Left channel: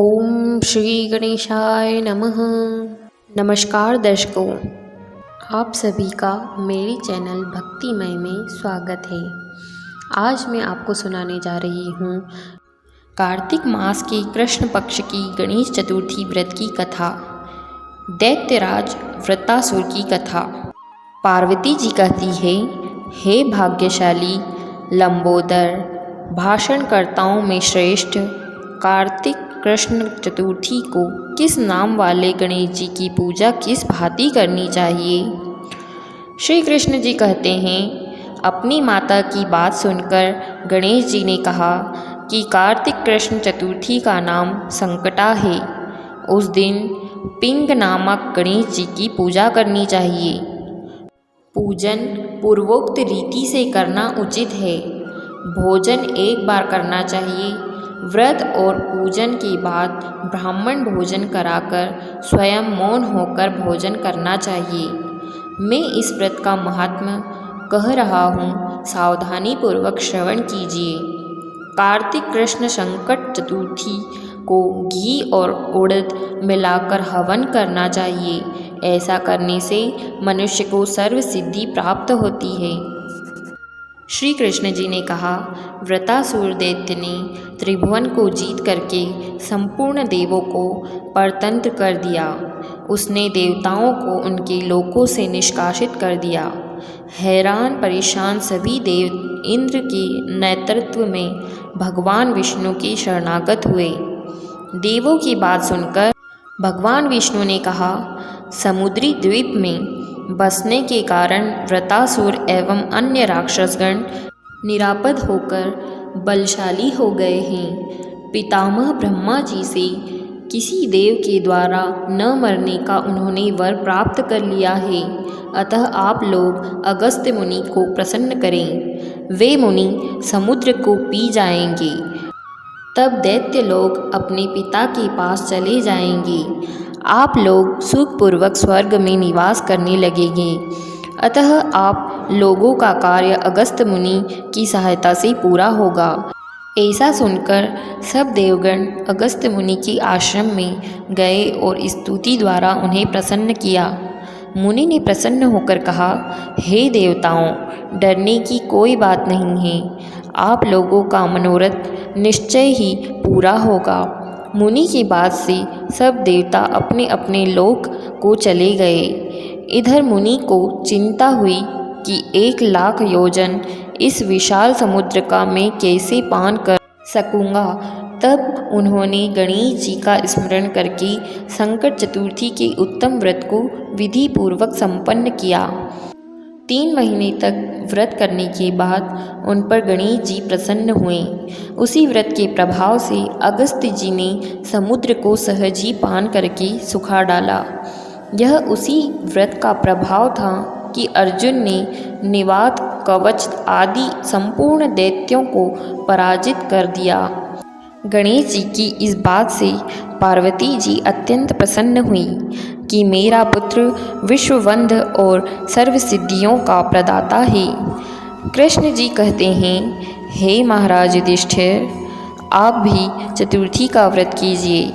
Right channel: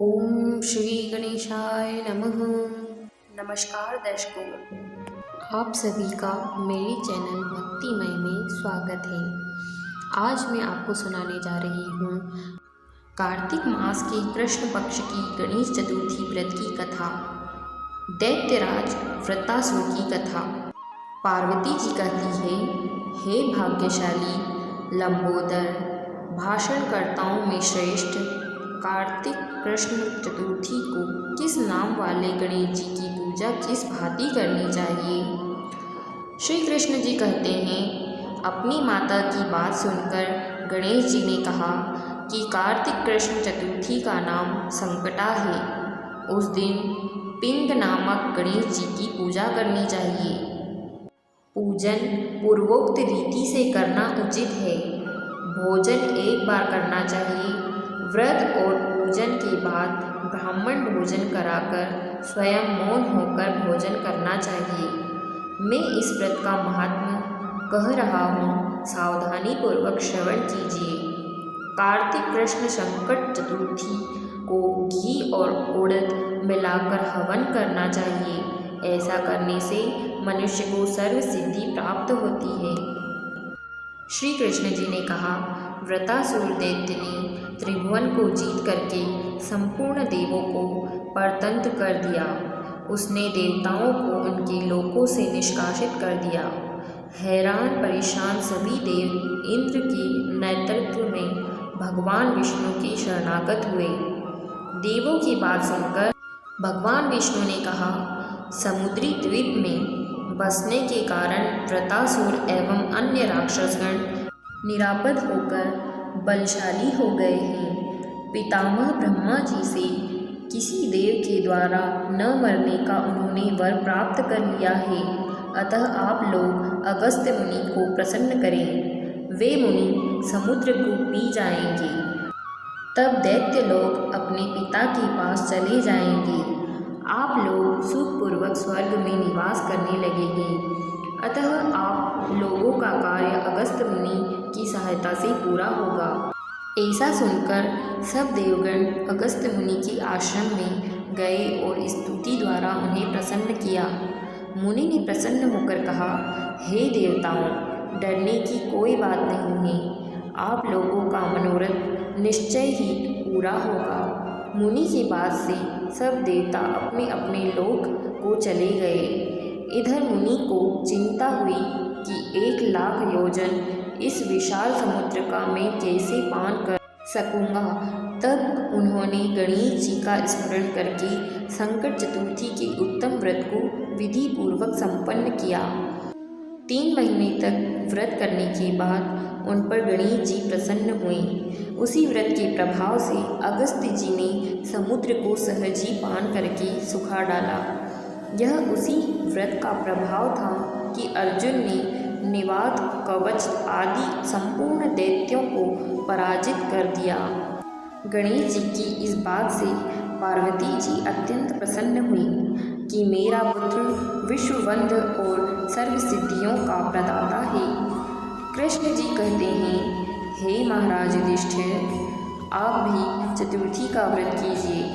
ओम श्री गणेशाय नमः। नमस्कार दर्शकों, आप सभी का मेरे चैनल भक्तिमय में स्वागत है। आज मैं आपको सुनाने जा रही हूँ कार्तिक मास के कृष्ण पक्ष की गणेश चतुर्थी व्रत की कथा, दैत्यराज वृत्तासुर की कथा। पार्वती जी कहती है, हे भाग्यशाली लंबोदर, भाषणकर्ताओं में श्रेष्ठ कार्तिक कृष्ण चतुर्थी को किस नाम वाले गणेश जी की पूजा किस भांति करनी चाहिए। श्री कृष्ण जी कहते हैं, अपनी माता की बात सुनकर गणेश जी ने कहा कि कार्तिक कृष्ण चतुर्थी का नाम संकटा है। उस दिन पिंग नामक गणेश जी की पूजा करनी चाहिए। पूजन पूर्वोक्त रीति से करना उचित है। भोजन एक बार करना चाहिए। व्रत और पूजन के बाद ब्राह्मण भोजन कराकर स्वयं मौन होकर भोजन करना चाहिए। मैं इस व्रत का महात्म्य कह रहा हूँ, सावधानी पूर्वक श्रवण कीजिए। कार्तिक कृष्ण संकट चतुर्थी को घी और उड़द मिलाकर हवन करना चाहिए। ऐसा करने से मनुष्य को सर्व सिद्धि प्राप्त होती है। श्री कृष्ण जी ने कहा, वृत्तासुर दैत्य ने त्रिभुवन को जीत करके संपूर्ण देवों को परतंत्र कर दिया। उसने देवताओं को उनके लोकों से निष्कासित कर दिया। हैरान परेशान सभी देव इंद्र के नेतृत्व में भगवान विष्णु के शरणागत हुए। देवों की बात सुनकर भगवान विष्णु ने कहा, समुद्री द्वीप में बसने के कारण वृत्तासुर एवं अन्य राक्षसगण निरापद होकर बलशाली हो गए हैं। पितामह ब्रह्मा जी से किसी देव के द्वारा न मरने का उन्होंने वर प्राप्त कर लिया है। अतः आप लोग अगस्त्य मुनि को प्रसन्न करें। वे मुनि समुद्र को पी जाएंगे। तब दैत्य लोग अपने पिता के पास चले जाएंगे। आप लोग सुखपूर्वक स्वर्ग में निवास करने लगेंगे। अतः आप लोगों का कार्य अगस्त्य मुनि की सहायता से पूरा होगा। ऐसा सुनकर सब देवगण अगस्त्य मुनि के आश्रम में गए और स्तुति द्वारा उन्हें प्रसन्न किया। मुनि ने प्रसन्न होकर कहा, हे देवताओं, डरने की कोई बात नहीं है। आप लोगों का मनोरथ निश्चय ही पूरा होगा। मुनि की बात से सब देवता अपने अपने लोक को चले गए। इधर मुनि को चिंता हुई कि 1,00,000 योजन इस विशाल समुद्र का मैं कैसे पान कर सकूँगा। तब उन्होंने गणेश जी का स्मरण करके संकट चतुर्थी के उत्तम व्रत को विधि पूर्वक संपन्न किया। 3 महीने तक व्रत करने के बाद उन पर गणेश जी प्रसन्न हुए। उसी व्रत के प्रभाव से अगस्त्य जी ने समुद्र को सहज ही पान करके सुखा डाला। यह उसी व्रत का प्रभाव था कि अर्जुन ने निवात, कवच आदि संपूर्ण दैत्यों को पराजित कर दिया। गणेश जी की इस बात से पार्वती जी अत्यंत प्रसन्न हुई कि मेरा पुत्र विश्ववंद और सर्व सिद्धियों का प्रदाता है। कृष्ण जी कहते हैं, हे महाराज युधिष्ठिर, आप भी चतुर्थी का व्रत कीजिए।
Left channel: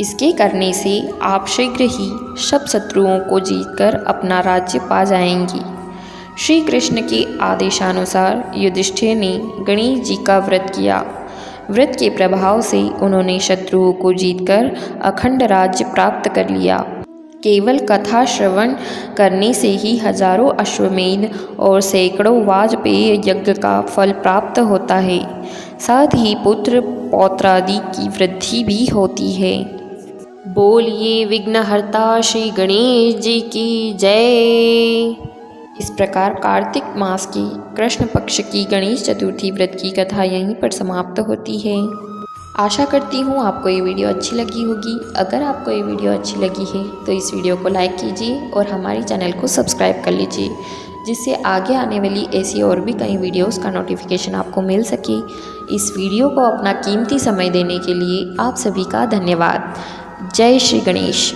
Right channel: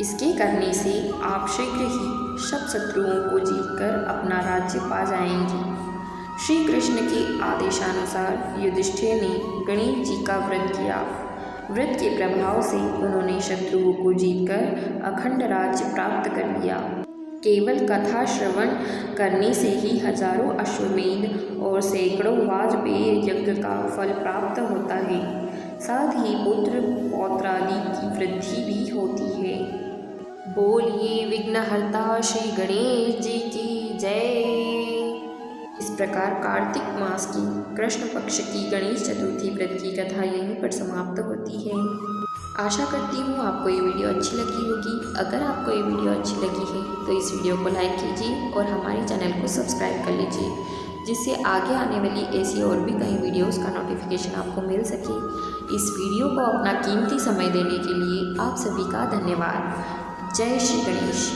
इसके करने से आप शीघ्र ही सब शत्रुओं को जीतकर अपना राज्य पा जाएंगे। श्री कृष्ण के आदेशानुसार युधिष्ठिर ने गणेश जी का व्रत किया। व्रत के प्रभाव से उन्होंने शत्रुओं को जीतकर अखंड राज्य प्राप्त कर लिया। केवल कथा श्रवण करने से ही हजारों अश्वमेध और सैकड़ों वाजपेय यज्ञ का फल प्राप्त होता है। साथ ही पुत्र पौत्रादि की वृद्धि भी होती है। बोलिए विघ्नहर्ता श्री गणेश जी की जय। इस प्रकार कार्तिक मास की कृष्ण पक्ष की गणेश चतुर्थी व्रत की कथा यहीं पर समाप्त होती है। आशा करती हूँ आपको ये वीडियो अच्छी लगी होगी। अगर आपको ये वीडियो अच्छी लगी है तो इस वीडियो को लाइक कीजिए और हमारे चैनल को सब्सक्राइब कर लीजिए, जिससे आगे आने वाली ऐसी और भी कई वीडियोस का नोटिफिकेशन आपको मिल सके। इस वीडियो को अपना कीमती समय देने के लिए आप सभी का धन्यवाद। जय श्री गणेश।